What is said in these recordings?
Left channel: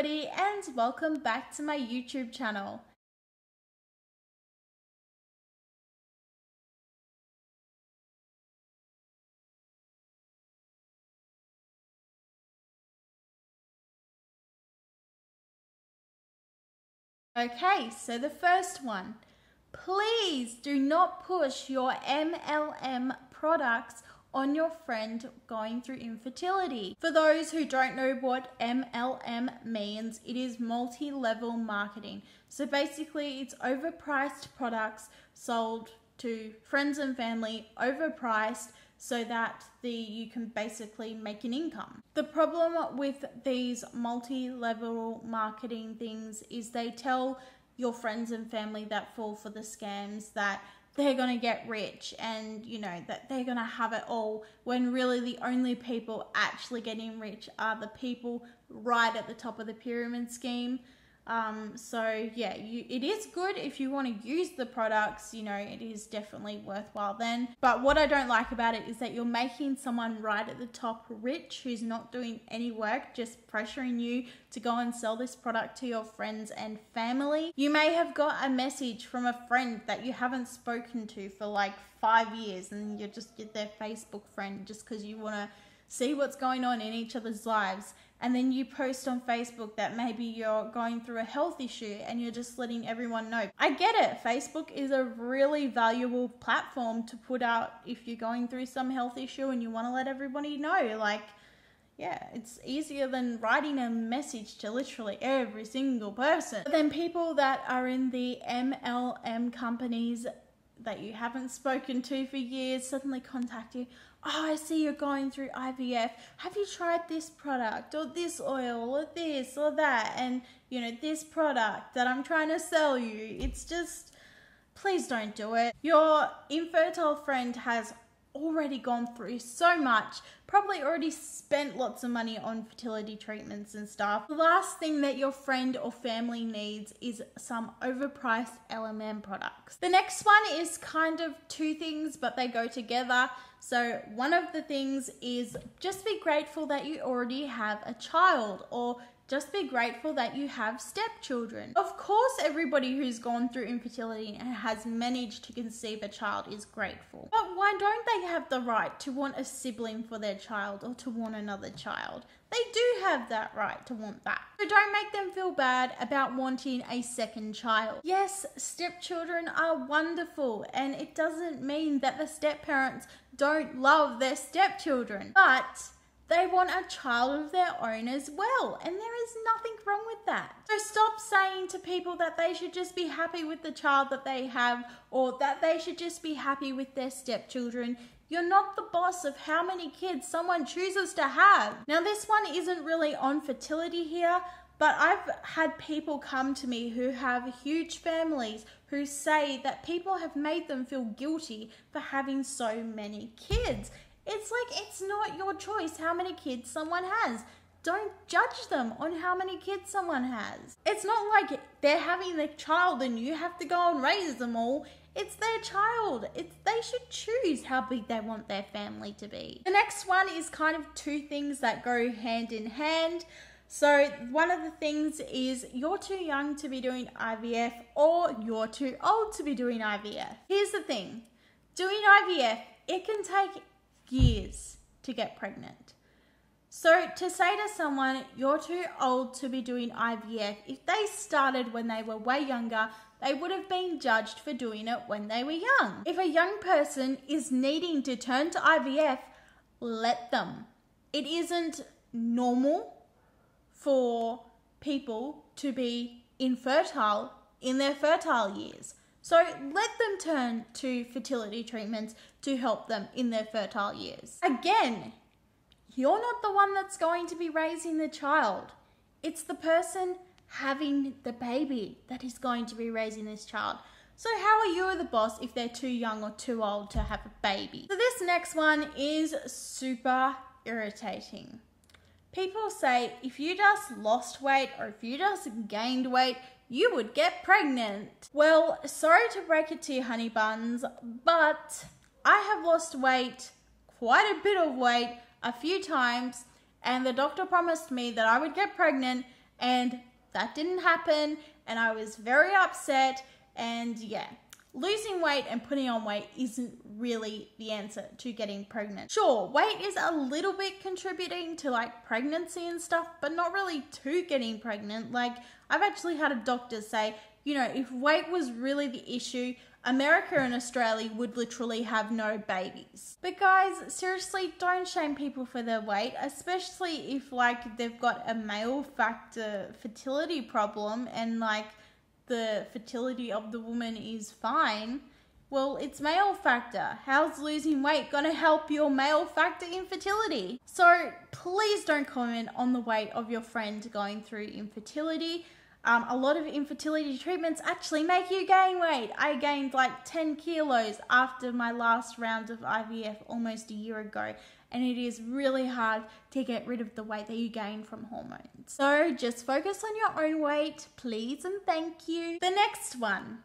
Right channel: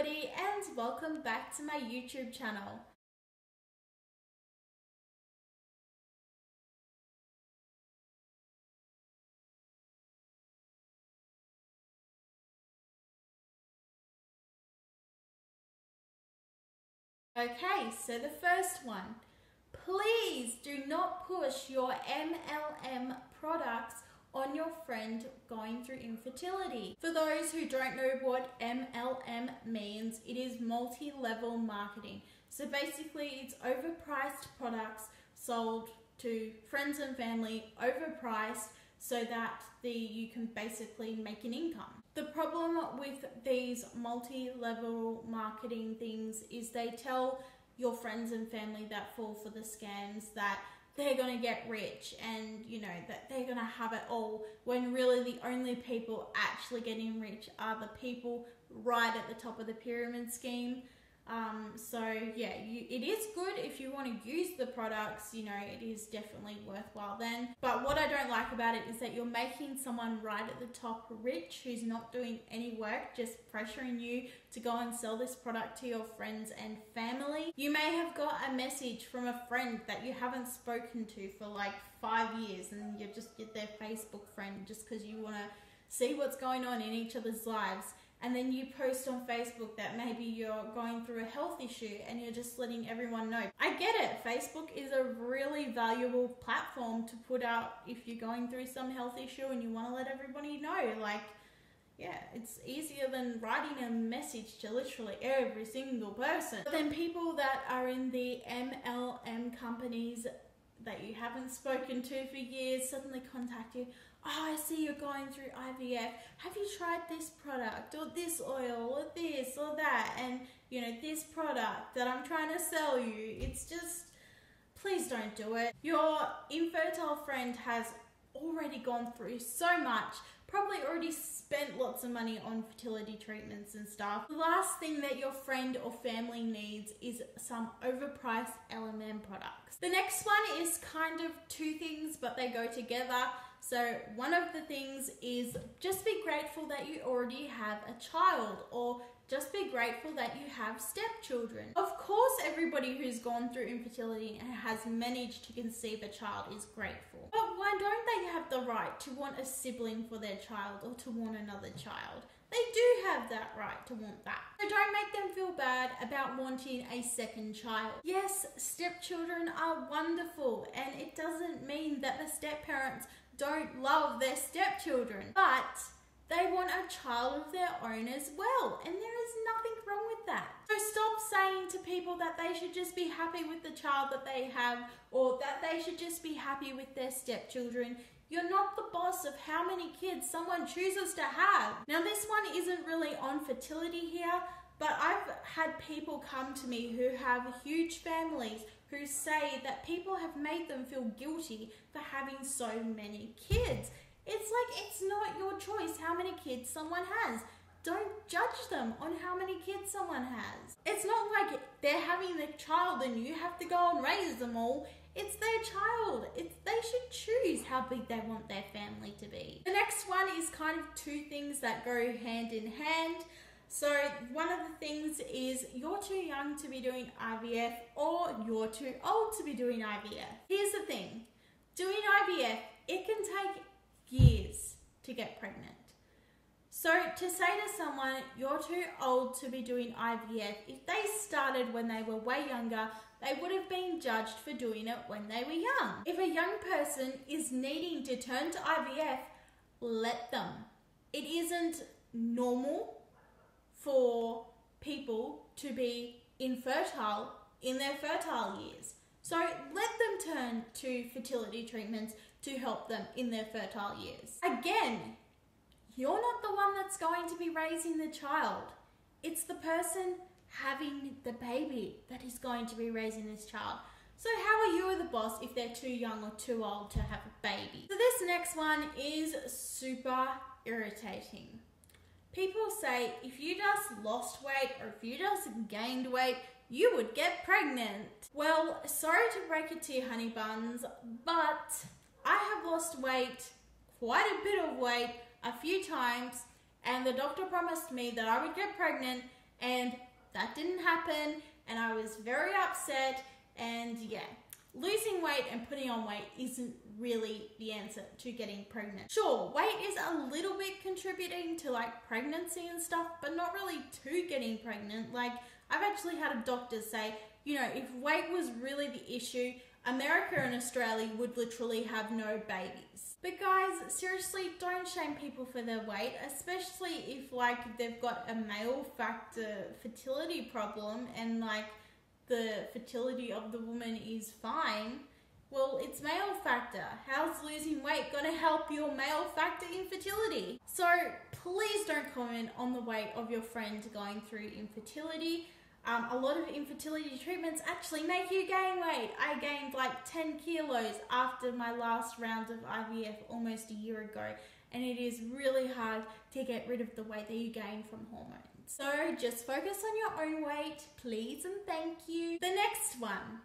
everybody, and welcome back to my YouTube channel. Okay, so the first one, please do not push your MLM products on your friend going through infertility. For those who don't know what MLM means, it is multi-level marketing. So basically it's overpriced products sold to friends and family, overpriced, so that you can basically make an income. The problem with these multi-level marketing things is they tell your friends and family that fall for the scams that they're gonna get rich and that they're gonna have it all, when really the only people actually getting rich are the people right at the top of the pyramid scheme. So yeah, it is good if you want to use the products, it is definitely worthwhile then. But what I don't like about it is that you're making someone right at the top rich who's not doing any work, just pressuring you to go and sell this product to your friends and family. You may have got a message from a friend that you haven't spoken to for like 5 years, and you're just their Facebook friend just because you want to see what's going on in each other's lives. And then you post on Facebook that maybe you're going through a health issue and you're just letting everyone know. I get it. Facebook is a really valuable platform to put out if you're going through some health issue and you want to let everybody know. Like, yeah, it's easier than writing a message to literally every single person. But then people that are in the MLM companies that you haven't spoken to for years suddenly contact you. Oh, I see you're going through IVF. Have you tried this product or this oil or this or that? And this product that I'm trying to sell you. It's just, please don't do it. Your infertile friend has already gone through so much, probably already spent lots of money on fertility treatments and stuff. The last thing that your friend or family needs is some overpriced LMM products. The next one is kind of two things, but they go together. So one of the things is just be grateful that you already have a child, or just be grateful that you have stepchildren. Of course, everybody who's gone through infertility and has managed to conceive a child is grateful. But why don't they have the right to want a sibling for their child or to want another child? They do have that right to want that. So don't make them feel bad about wanting a second child. Yes, stepchildren are wonderful, and it doesn't mean that the stepparents don't love their stepchildren, but they want a child of their own as well, and there is nothing wrong with that. So stop saying to people that they should just be happy with the child that they have, or that they should just be happy with their stepchildren. You're not the boss of how many kids someone chooses to have. Now, this one isn't really on fertility here, but I've had people come to me who have huge families who say that people have made them feel guilty for having so many kids. It's like, it's not your choice how many kids someone has. Don't judge them on how many kids someone has. It's not like they're having their child and you have to go and raise them all. It's their child. They should choose how big they want their family to be. The next one is kind of two things that go hand in hand. So one of the things is you're too young to be doing IVF, or you're too old to be doing IVF. Here's the thing. Doing IVF, it can take years to get pregnant. So to say to someone, you're too old to be doing IVF, if they started when they were way younger, they would have been judged for doing it when they were young. If a young person is needing to turn to IVF, let them. It isn't normal for people to be infertile in their fertile years. So let them turn to fertility treatments to help them in their fertile years. Again, you're not the one that's going to be raising the child. It's the person having the baby that is going to be raising this child. So how are you the boss if they're too young or too old to have a baby? So this next one is super irritating. People say if you just lost weight or if you just gained weight, you would get pregnant. Well, sorry to break it to you, honey buns, but I have lost weight, quite a bit of weight, a few times, and the doctor promised me that I would get pregnant, and that didn't happen, and I was very upset. And yeah, losing weight and putting on weight isn't really the answer to getting pregnant. Sure, weight is a little bit contributing to like pregnancy and stuff, but not really to getting pregnant. Like, I've actually had a doctor say, you know, if weight was really the issue, America and Australia would literally have no babies. But guys, seriously, don't shame people for their weight, especially if like they've got a male factor fertility problem and like the fertility of the woman is fine. Well, it's male factor. How's losing weight gonna help your male factor infertility? So please don't comment on the weight of your friend going through infertility. A lot of infertility treatments actually make you gain weight. I gained like 10 kilos after my last round of IVF almost a year ago, and it is really hard to get rid of the weight that you gain from hormones. So just focus on your own weight, please and thank you. The next one.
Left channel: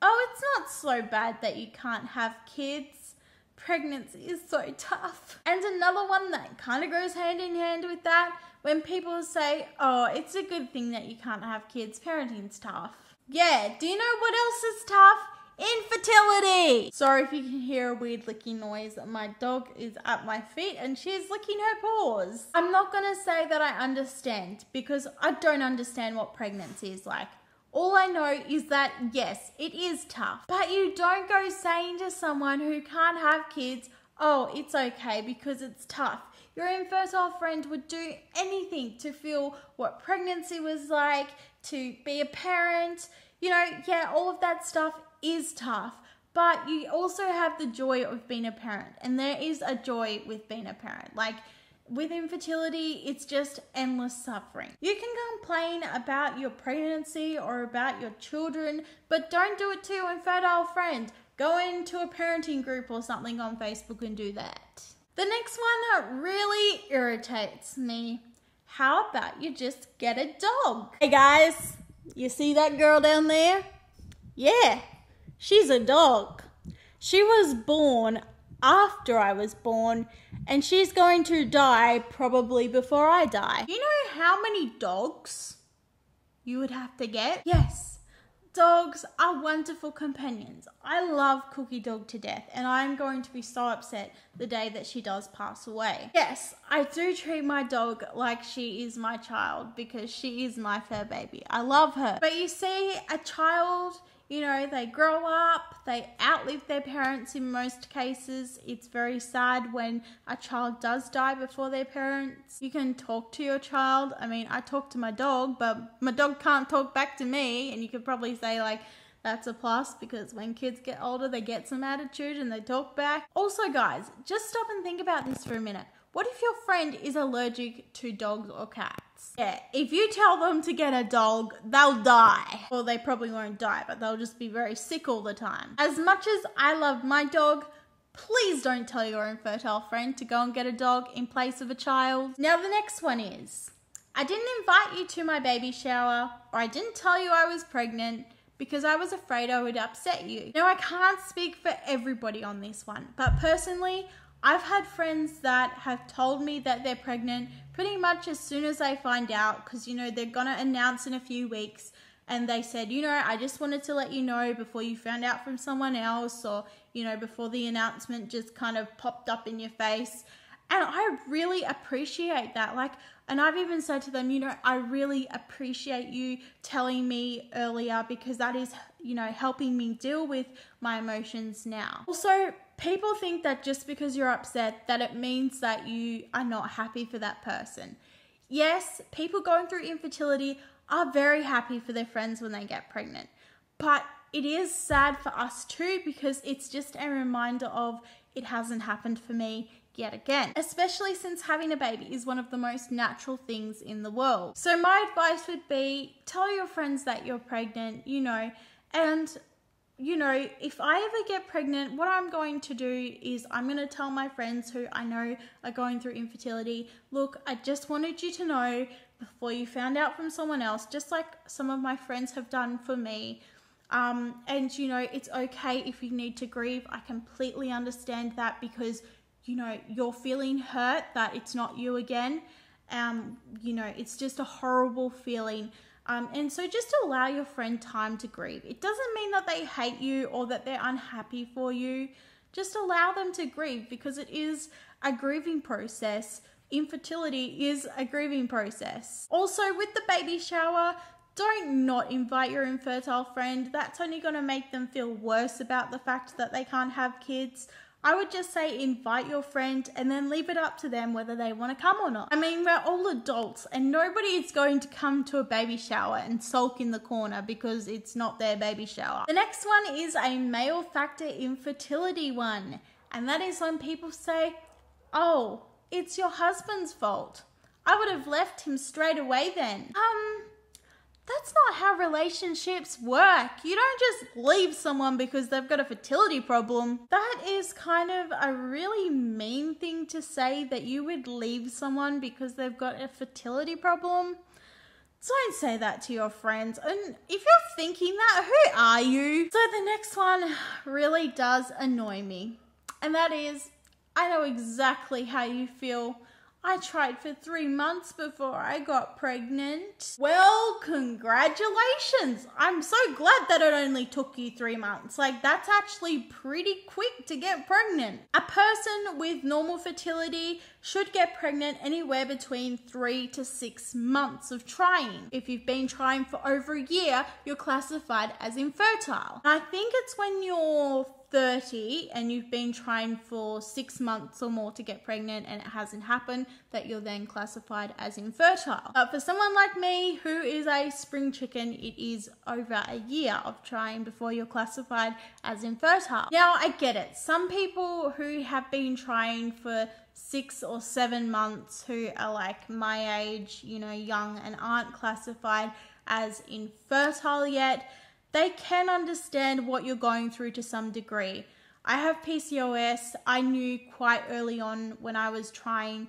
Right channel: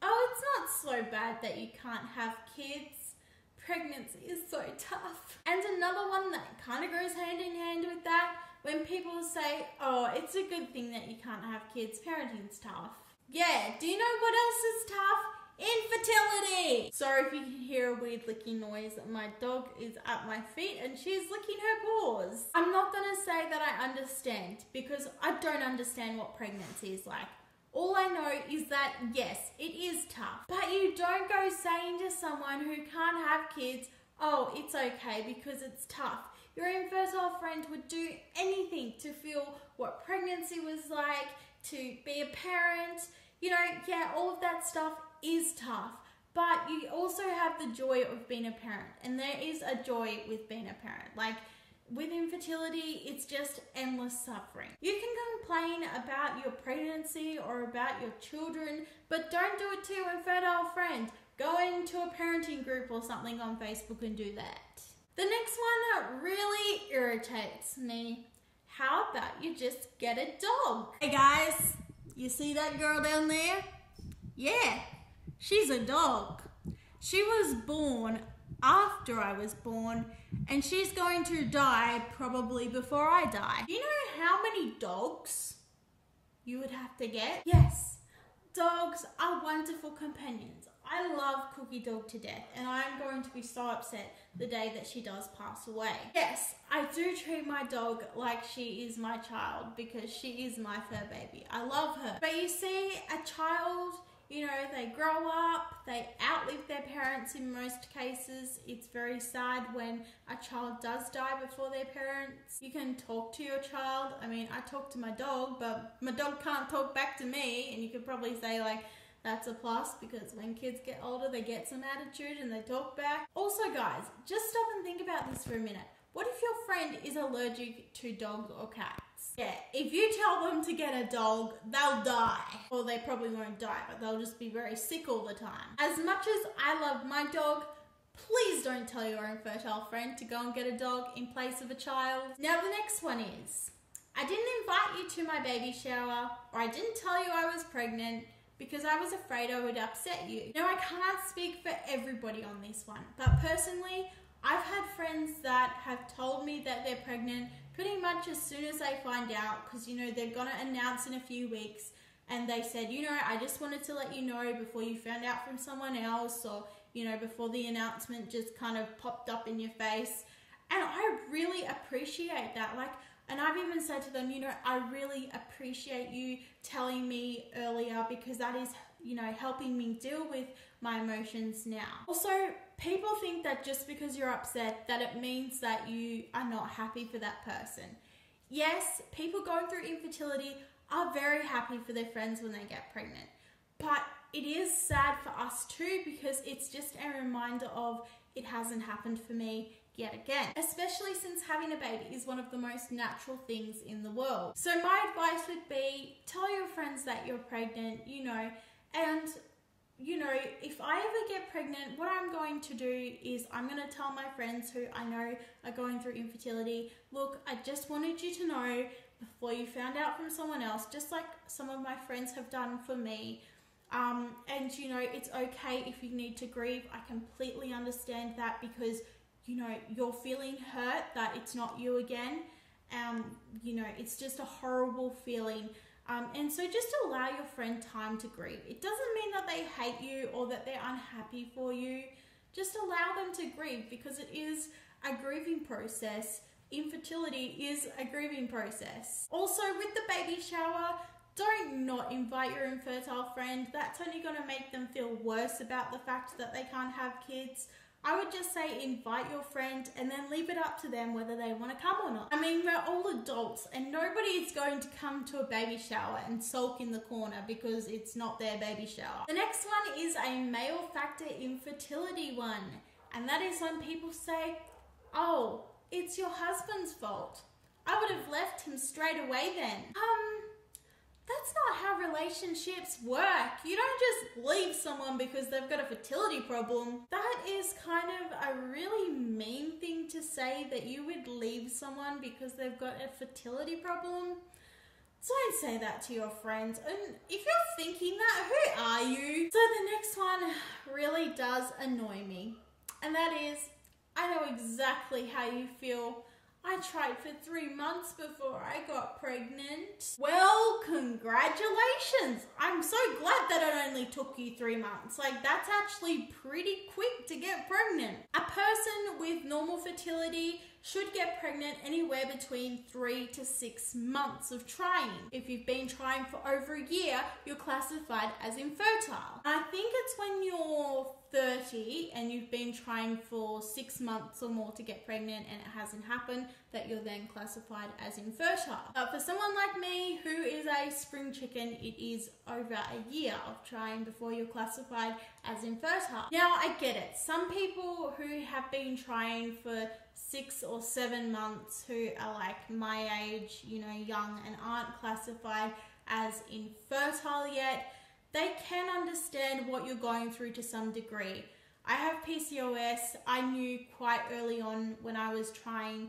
Oh, it's not so bad that you can't have kids. Pregnancy is so tough. And another one that kind of goes hand in hand with that, when people say, oh, it's a good thing that you can't have kids, parenting's tough. Yeah, do you know what else is tough? Infertility! Sorry if you can hear a weird licking noise. My dog is at my feet and she's licking her paws. I'm not gonna say that I understand, because I don't understand what pregnancy is like. All I know is that, yes, it is tough. But you don't go saying to someone who can't have kids, oh, it's okay because it's tough. Your infertile friend would do anything to feel what pregnancy was like, to be a parent. You know, yeah, all of that stuff is tough. But you also have the joy of being a parent. And there is a joy with being a parent. Like, with infertility, it's just endless suffering. You can complain about your pregnancy or about your children, but don't do it to your infertile friend. Go into a parenting group or something on Facebook and do that. The next one that really irritates me. How about you just get a dog? Hey guys, you see that girl down there? Yeah, she's a dog. She was born after I was born, and she's going to die probably before I die. You know how many dogs you would have to get? Yes, dogs are wonderful companions. I love Cookie Dog to death, and I'm going to be so upset the day that she does pass away. Yes, I do treat my dog like she is my child because she is my fur baby. I love her. But you see, a child, you know, they grow up, they outlive their parents in most cases. It's very sad when a child does die before their parents. You can talk to your child. I mean, I talk to my dog, but my dog can't talk back to me. And you could probably say like, that's a plus, because when kids get older, they get some attitude and they talk back. Also guys, just stop and think about this for a minute. What if your friend is allergic to dogs or cats? Yeah, if you tell them to get a dog, they'll die. Well, they probably won't die, but they'll just be very sick all the time. As much as I love my dog, please don't tell your infertile friend to go and get a dog in place of a child. Now the next one is, I didn't invite you to my baby shower, or I didn't tell you I was pregnant because I was afraid I would upset you. Now I can't speak for everybody on this one, but personally, I've had friends that have told me that they're pregnant pretty much as soon as they find out, because, you know, they're going to announce in a few weeks, and they said, you know, I just wanted to let you know before you found out from someone else, or, you know, before the announcement just kind of popped up in your face. And I really appreciate that. Like, and I've even said to them, you know, I really appreciate you telling me earlier, because that is, you know, helping me deal with my emotions now. Also, people think that just because you're upset that it means that you are not happy for that person. Yes, people going through infertility are very happy for their friends when they get pregnant. But it is sad for us too, because it's just a reminder of it hasn't happened for me yet again. Especially since having a baby is one of the most natural things in the world. So my advice would be, tell your friends that you're pregnant, you know, and you know, if I ever get pregnant, what I'm going to do is I'm going to tell my friends who I know are going through infertility, look, I just wanted you to know before you found out from someone else, just like some of my friends have done for me. And, you know, it's okay if you need to grieve. I completely understand that, because, you know, you're feeling hurt that it's not you again. You know, it's just a horrible feeling. And so just allow your friend time to grieve. It doesn't mean that they hate you or that they're unhappy for you. Just allow them to grieve, because it is a grieving process. Infertility is a grieving process. Also, with the baby shower, don't not invite your infertile friend. That's only going to make them feel worse about the fact that they can't have kids. I would just say invite your friend and then leave it up to them whether they want to come or not. I mean, we're all adults and nobody is going to come to a baby shower and sulk in the corner because it's not their baby shower. The next one is a male factor infertility one. And that is when people say, oh, it's your husband's fault. I would have left him straight away then. That's not how relationships work. You don't just leave someone because they've got a fertility problem. That is kind of a really mean thing to say, that you would leave someone because they've got a fertility problem. Don't say that to your friends. And if you're thinking that, who are you? So the next one really does annoy me. And that is, I know exactly how you feel. I tried for 3 months before I got pregnant. Well, congratulations. I'm so glad that it only took you 3 months. Like, that's actually pretty quick to get pregnant. A person with normal fertility should get pregnant anywhere between 3 to 6 months of trying. If you've been trying for over a year, you're classified as infertile. I think it's when you're 30 and you've been trying for 6 months or more to get pregnant and it hasn't happened, that you're then classified as infertile. But for someone like me who is a spring chicken, it is over a year of trying before you're classified as infertile. Now, I get it. Some people who have been trying for 6 or 7 months, who are like my age, you know, young, and aren't classified as infertile yet, they can understand what you're going through to some degree. I have PCOS. I knew quite early on when I was trying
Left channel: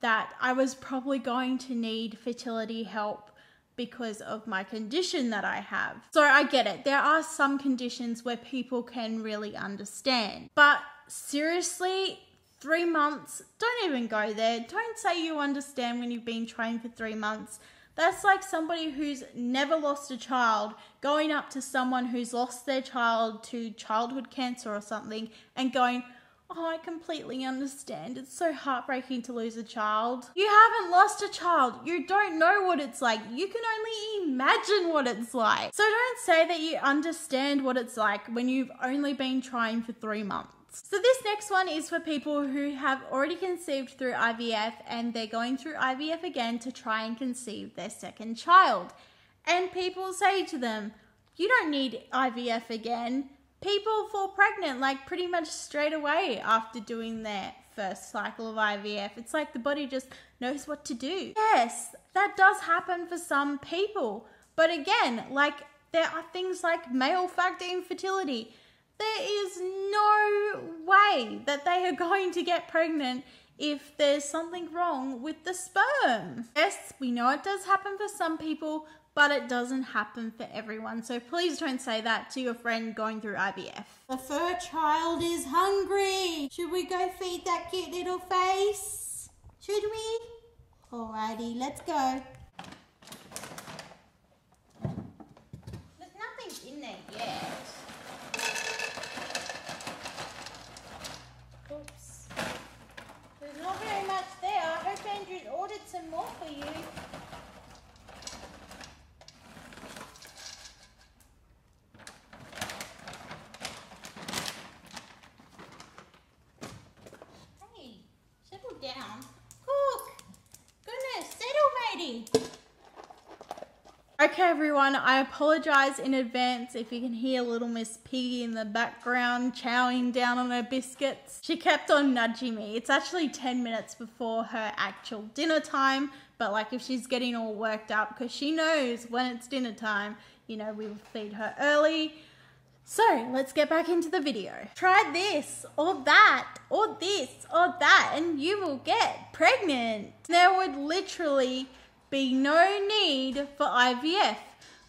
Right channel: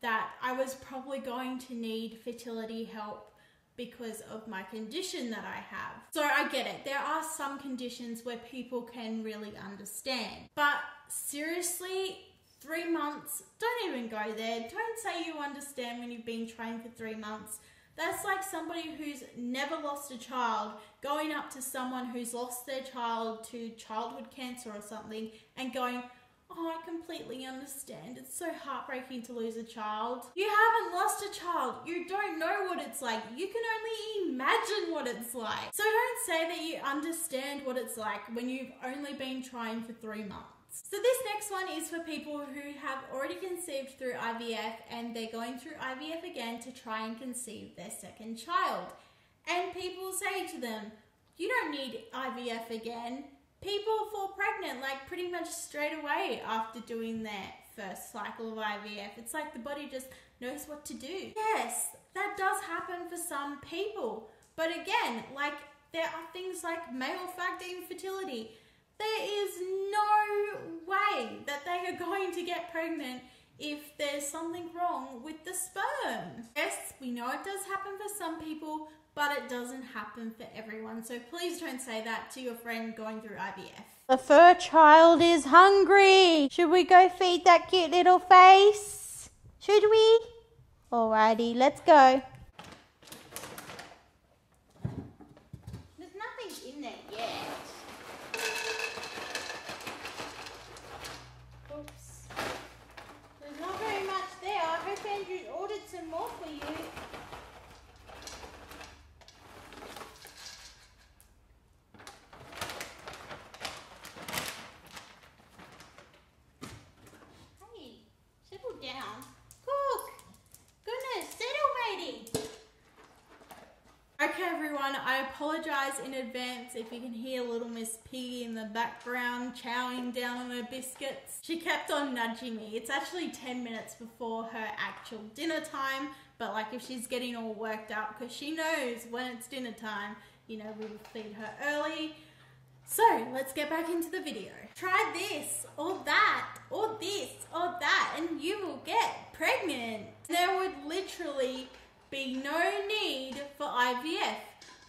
that I was probably going to need fertility help because of my condition that I have. So I get it. There are some conditions where people can really understand. But seriously, 3 months, don't even go there. Don't say you understand when you've been trying for 3 months. That's like somebody who's never lost a child going up to someone who's lost their child to childhood cancer or something and going, oh, I completely understand. It's so heartbreaking to lose a child. You haven't lost a child. You don't know what it's like. You can only imagine what it's like. So don't say that you understand what it's like when you've only been trying for 3 months. So this next one is for people who have already conceived through IVF and they're going through IVF again to try and conceive their second child. And people say to them, you don't need IVF again. People fall pregnant like pretty much straight away after doing their first cycle of IVF. It's like the body just knows what to do. Yes, that does happen for some people. But again, like there are things like male factor infertility. There is no way that they are going to get pregnant if there's something wrong with the sperm. Yes, we know it does happen for some people, but it doesn't happen for everyone. So please don't say that to your friend going through IVF. The fur child is hungry. Should we go feed that cute little face? Should we? Alrighty, let's go. There's nothing in there yet. Not very much there. I hope Andrew's ordered some more for you. Hey, settle down. Cook! Goodness, settle, matey. Okay, everyone, I apologize in advance if you can hear little Miss Piggy in the background chowing down on her biscuits. She kept on nudging me. It's actually 10 minutes before her actual dinner time, but like if she's getting all worked up because she knows when it's dinner time, you know, we will feed her early. So let's get back into the video. Try this or that or this or that and you will get pregnant. There would literally be no need for IVF,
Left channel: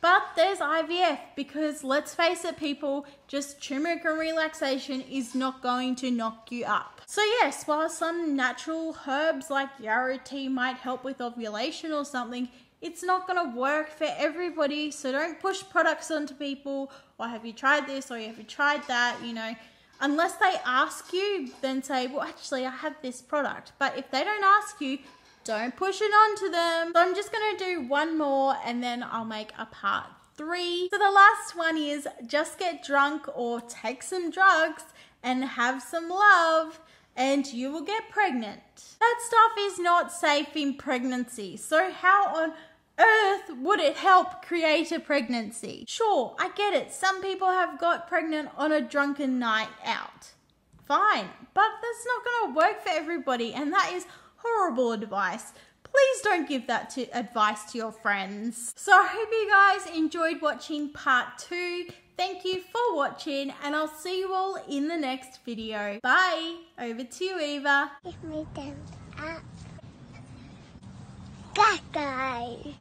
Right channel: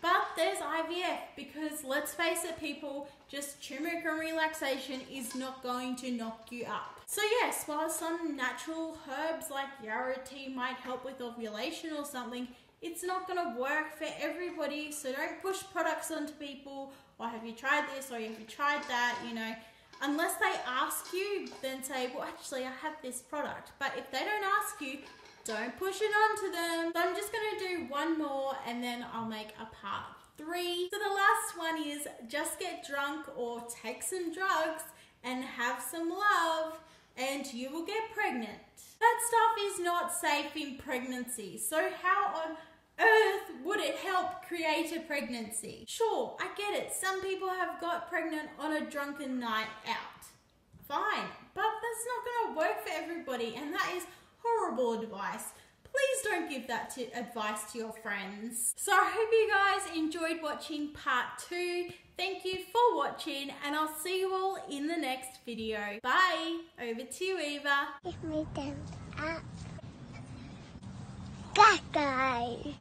but there's IVF because let's face it, people, just turmeric and relaxation is not going to knock you up. So yes, while some natural herbs like yarrow tea might help with ovulation or something, it's not going to work for everybody. So don't push products onto people, or have you tried this, or have you tried that, you know. Unless they ask you, then say, well, actually, I have this product. But if they don't ask you, don't push it onto them. So I'm just going to do one more and then I'll make a part 3. So the last one is just get drunk or take some drugs and have some love and you will get pregnant. That stuff is not safe in pregnancy. So how on earth would it help create a pregnancy? Sure, I get it. Some people have got pregnant on a drunken night out. Fine, but that's not going to work for everybody, and that is horrible advice. Please don't give that advice to your friends. So I hope you guys enjoyed watching part 2. Thank you for watching, and I'll see you all in the next video. Bye. Over to you, Eva. Give me thumbs up. Bye, guys.